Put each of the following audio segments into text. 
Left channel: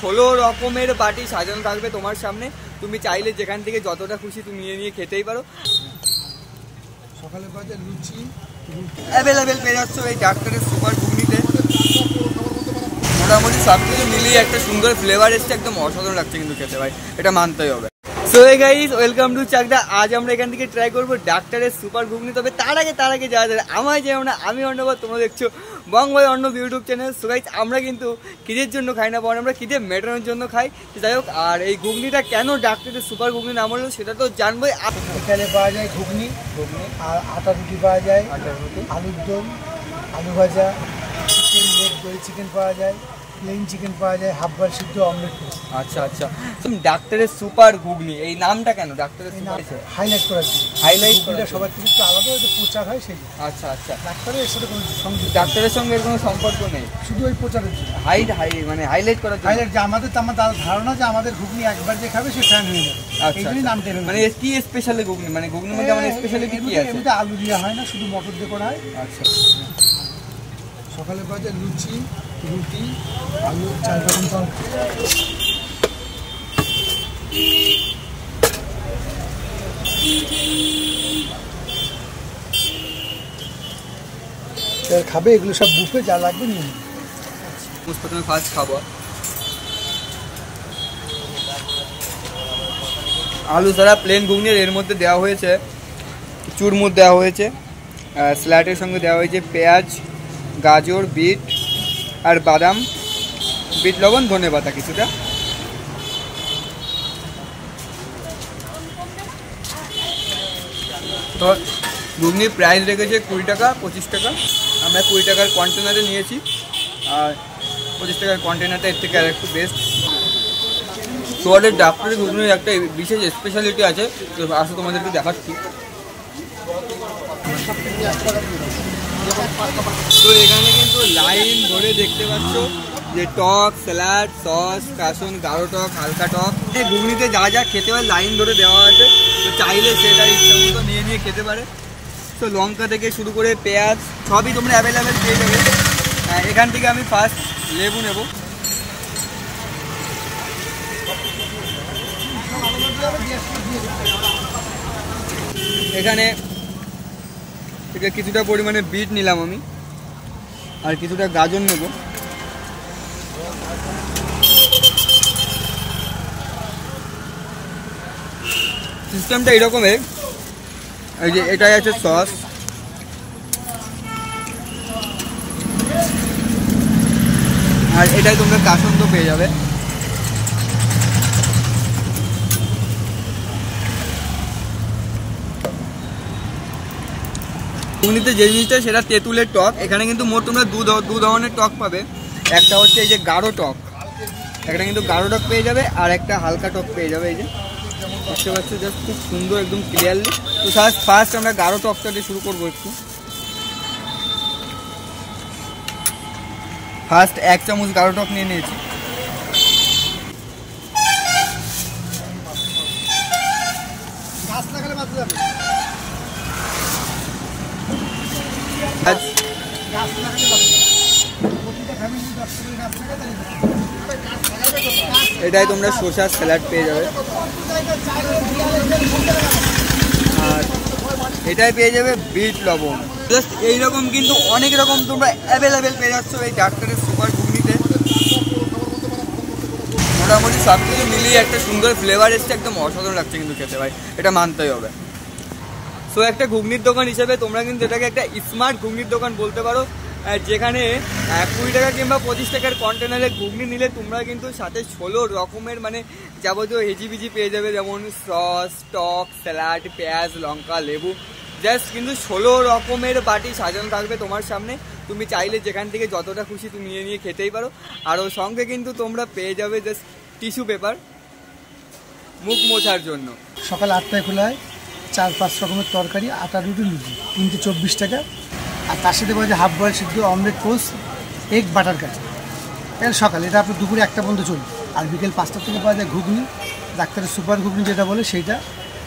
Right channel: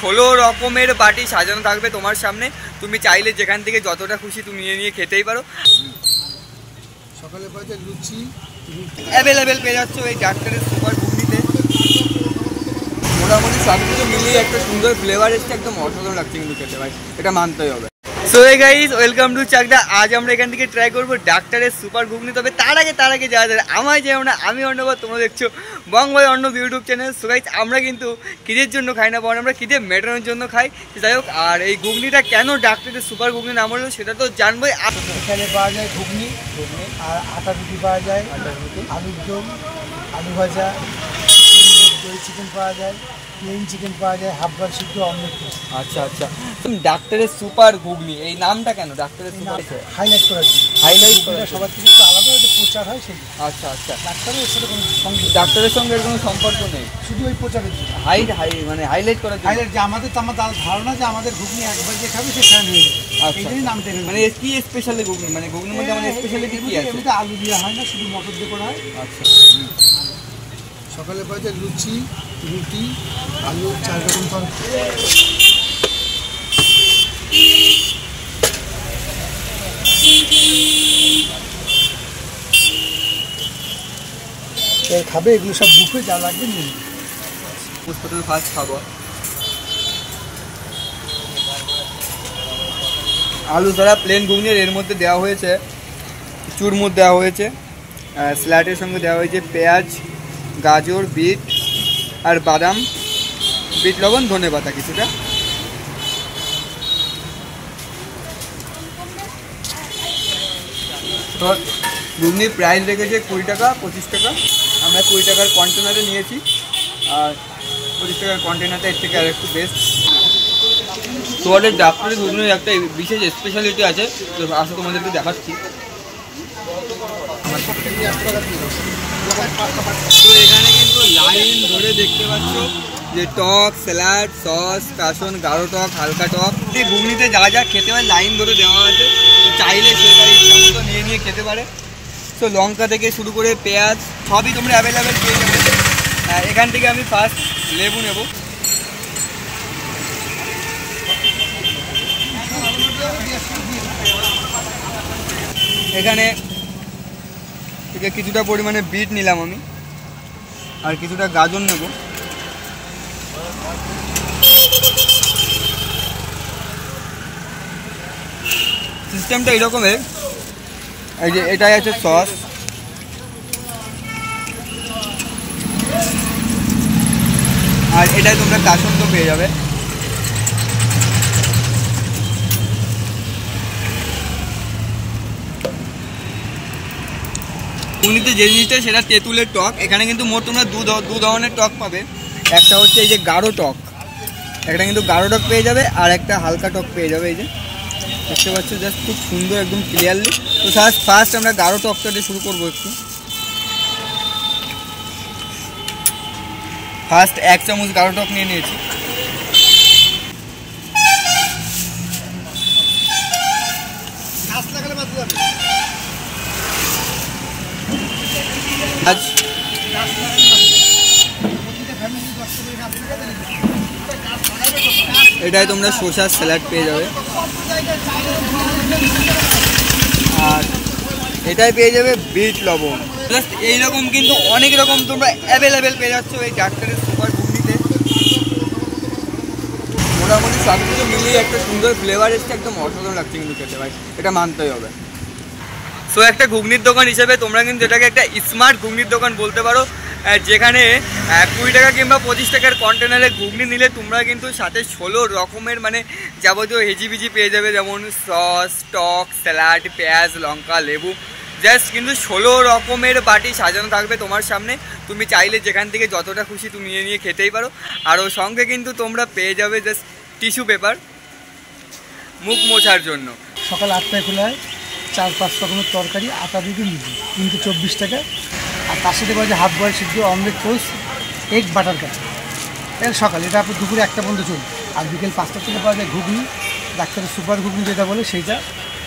16 রকমের বাটি সাজানো থাকবে তোমার সামনে। তুমি চাইলে যেখান থেকে যতটা খুশি তুমি নিয়ে খেতেই পারো। সকালে পাওয়া লুচি অ্যাভেলেবেল পেয়ে যাচ্ছ এই ডাক্তারের সুপার ঘুগনিতে। মোটামুটি সব কিছু মিলিয়ে একটা সুন্দর ফ্লেভার এসছে, একদম অসাধারণ লাগছে কিন্তু খেতে ভাই, এটা মানতেই হবে। So hey guys, welcome to Chakdah. আজ আমরা এখান থেকে ট্রাই করবো ডাক্তারের সুপার ঘুগনি। তবে তার আগে যারা যারা আমায় যেও না, আমি অন্যবার তোমরা দেখছো বঙ্গবাই Arnab YouTube channel. So guys, আমরা কিন্তু খিদের জন্য খাই না, বরং আমরা খিদে মেটানোর জন্য খাই। যাই হোক, আর এই ঘুগনিটা কেন ডাক্তারের সুপার ঘুগনি নাম হলো সেটা তো জানবোই। এখানে পাওয়া যায় ঘুগনি আর আটা রুটি পাওয়া যায়, আলুর দম, আলু ভাজা, চিকেন লেগ, দই চিকেন পাওয়া যায়, প্লেন চিকেন পাওয়া যায়, হাফ বার সিদ্ধ, অমলেট। আচ্ছা আচ্ছা, ডাক্তারের সুপার ঘুগনি এই নামটা কেন ডাক্তারের সুপার? হাইলাইট করার জন্য, হাইলাইট করা সবার থেকে একটু আলাদা হয়তো প্রচার হয় সেই। আচ্ছা আচ্ছা, ডাক্তারের সাথে কোনো ডাক্তারের সঙ্গে এর কোনো সম্পর্ক নেই, শুধু ওই প্রচারের জন্য মানে হাইলাইট করার জন্য। হাইলাইট যে আমাদের ধারণা যে আমাদের ঘুগনি একবার যে খাবে সে খাওয়া নিয়ে যাবে, এই জন্যই নামটা। মানে কি স্পেশালি ঘুগনি, মানে ঘুগনির মধ্যে আমাদের স্পেশালিটি কি আছে? এমনিতে আলু দেওয়া হয় না, শুধু মটর দিয়ে করা হয়। আচ্ছা, সকালে পাওয়া যায় লুচি, রুটি, আলু, 4 রকম পাওয়া। খাবে এগুলো সব বুফে, যা লাগবে নিয়ে নেবে। প্রথমে ফার্স্ট খাবো আলু ছাড়া প্লেন ঘুগনির। এর মধ্যে দেওয়া হয়েছে চুরমুর, দেওয়া হয়েছে স্যালাডের সঙ্গে দেওয়া হয়েছে পেঁয়াজ, গাজর, বিট আর বাদাম, বিট লবণ, ধনেপাতা কিছুটা। তো ঘুগনির প্রাইস রেখেছে 20 টাকা, 25 টাকা। আমরা 20 টাকার কন্টেনারে নিয়েছি, আর 25 টাকার কন্টেনারটা এর থেকে আর একটু বেস্ট। তোমাদের ডাক্তারের ঘুগনির একটা বিশেষ স্পেশালিটি আছে, তো আসলে তোমাদেরকে দেখাচ্ছি। তো এখানে কিন্তু লাইন ধরে দেখতে পাচ্ছ যে টক, স্যালাড, সস, কাসন, গাঢ় টক, হালকা টক, এই ঘুগনিতে যা যা খেতে হয় লাইন ধরে দেওয়া আছে। তো চাইলে সেটা ইচ্ছা মতো নিয়ে খেতে পারে। তো লঙ্কা থেকে শুরু করে পেঁয়াজ সবই তোমরা অ্যাভেলেবেল পেয়ে যাবে। এখান থেকে আমি ফার্স্ট লেবু নেব। এখানে কিছুটা পরিমাণে বিট নিলাম আমি, আর কিছুটা গাজর নেব। সিস্টেমটা এরকমের, এই যে এটাই আছে সস, আর এটাই তোমরা কাসন্দ পেয়ে যাবে। ঘুগনিতে যে জিনিসটা সেটা তেঁতুলের টক। এখানে কিন্তু মোট তোমরা দু ধরনের টক পাবে। একটা হচ্ছে এই যে গাঢ় টক, একটা কিন্তু গাঢ় টক পেয়ে যাবে, আর একটা হালকা টক পেয়ে যাবে। এই যে দেখতে পাচ্ছ, জাস্ট খুব সুন্দর একদম ক্লিয়ারলি। তো ফার্স্ট আমরা গাঢ় টকটা দিয়ে শুরু করবো একটু। ফার্স্ট 1 চামচ গাঢ় টক নিয়ে নিয়েছি। এটাই তোমরা শসার স্যালাড পেয়ে যাবে, আর এটাই পেয়ে যাবে বিট লবণ। জাস্ট এইরকম কিন্তু অনেক রকম তোমরা অ্যাভেলেবেল পেয়ে যাচ্ছ এই ডাক্তারের সুপার ঘুগনিতে। মোটামুটি সব কিছু মিলিয়ে একটা সুন্দর ফ্লেভার এসছে, একদম অসাধারণ লাগছে কিন্তু খেতে ভাই, এটা মানতেই হবে। সো একটা ঘুগনির দোকান হিসেবে তোমরা কিন্তু এটাকে একটা স্মার্ট ঘুগনির দোকান বলতে পারো, যেখানে 20 টাকা কিংবা 25 টাকার কন্টেনারে ঘুগনি নিলে তোমরা কিন্তু সাথে 16 রকমের মানে যাবতীয় হেজিবিজি পেয়ে যাবে, যেমন সস, টক, স্যালাড, পেঁয়াজ, লঙ্কা, লেবু। জাস্ট কিন্তু 16 রকমের বাটি সাজানো থাকবে তোমার সামনে। তুমি চাইলে যেখান থেকে যতটা খুশি তুমি নিয়ে খেতেই পারো। আর ওর সঙ্গে কিন্তু তোমরা পেয়ে যাবে জাস্ট টিস্যু পেপার মুখ মোছার জন্য। সকাল 8টায় খোলা হয়, 4-5 রকমের তরকারি, আটা রুটি, লুচি, 324 টাকা। আর তার সাথে পাওয়া যায় হাফ বয়েল সিদ্ধ, অমলেট, টোস্ট, এগ বাটার কাঁচা। এটা সকাল, এটা আপনার দুপুরে 1টা পর্যন্ত চলবে। আর বিকেল 5টা থেকে পাওয়া যায় ঘুগনি, ডাক্তারের সুপার ঘুগনি যেটা বলে সেইটা।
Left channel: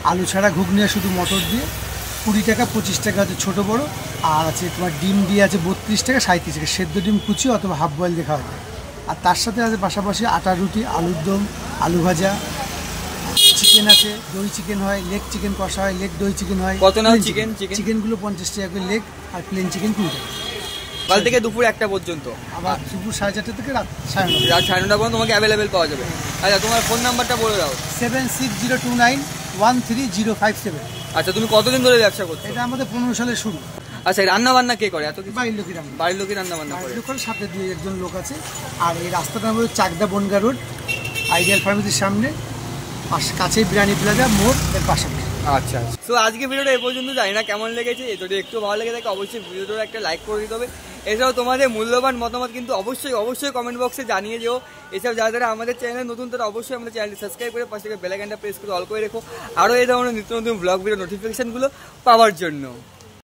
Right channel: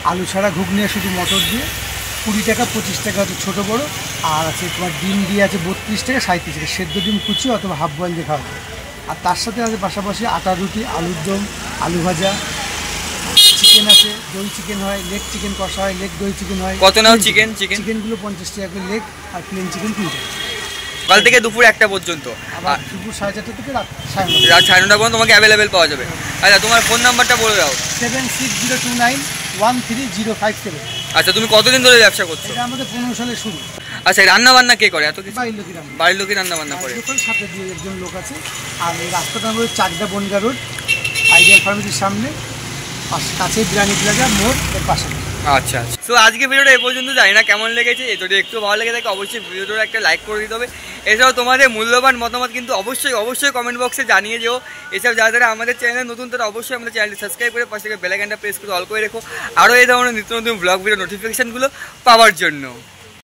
আলু ছাড়া ঘুগনি, শুধু মটর দিয়ে 20 টাকা, 25 টাকা হচ্ছে ছোটো বড়ো। আর আছে তোমার ডিম দিয়ে আছে 32 টাকা, 37 টাকা। সেদ্ধ ডিম কুচি অথবা হাফ বয়েল দিয়ে খাওয়া যায়। আর তার সাথে আছে পাশাপাশি আটা রুটি, আলুর দম, আলু ভাজা, চিকেন আছে, দই চিকেন হয়, লেগ চিকেন কষা হয়, লেগ দই চিকেন হয়। কত নাও চিকেন? চিকেনগুলো 50 টাকা করে লেগ, আর প্লেন চিকেন 20 টাকা। কাল থেকে দুপুর 1টা পর্যন্ত, আবার দুপুর 4:30 থেকে রাত 9:30। রাত 9:30 পর্যন্ত তোমাকে অ্যাভেলেবেল পাওয়া যাবে। আচ্ছা, তোমার ফোন নাম্বারটা বলে দাও। 7602913057। আচ্ছা, তুমি কতদিন ধরে ব্যবসা করছো? এটা আমাদের 15 সালে শুরু। আচ্ছা, রান্না বান্না কে করে? এত কিছু বাড়ির লোকেরা, বাড়ির লোকই রান্না বান্না করে। সাথে 2 জন লোক আছে। আর এই রাস্তাটা আমাদের চাকদা বনগা রোড, আইডিয়াল ফার্মেসির সামনে, কাছে বিরিয়ানি প্লাজা মোড় এর পাশে। আচ্ছা আচ্ছা, তো আজকে ভিডিওটা এই পর্যন্ত, জানি না কেমন লেগেছে। যদি একটু ভালো লেগে থাকে অবশ্যই ভিডিওটা একটা লাইক করে দিতে হবে। এছাড়াও তোমাদের মূল্যবান মতামত কিন্তু অবশ্যই অবশ্যই কমেন্ট বক্সে জানিয়ে যেও। এছাড়াও যারা যারা আমাদের চ্যানেলে নতুন, তারা অবশ্যই আমাদের চ্যানেলটি সাবস্ক্রাইব করে পাশে বেল আইকনটা প্রেস করে অল করে রেখো, আরও এই ধরনের নিত্য নতুন ব্লগ ভিডিও নোটিফিকেশানগুলো পাওয়ার জন্য।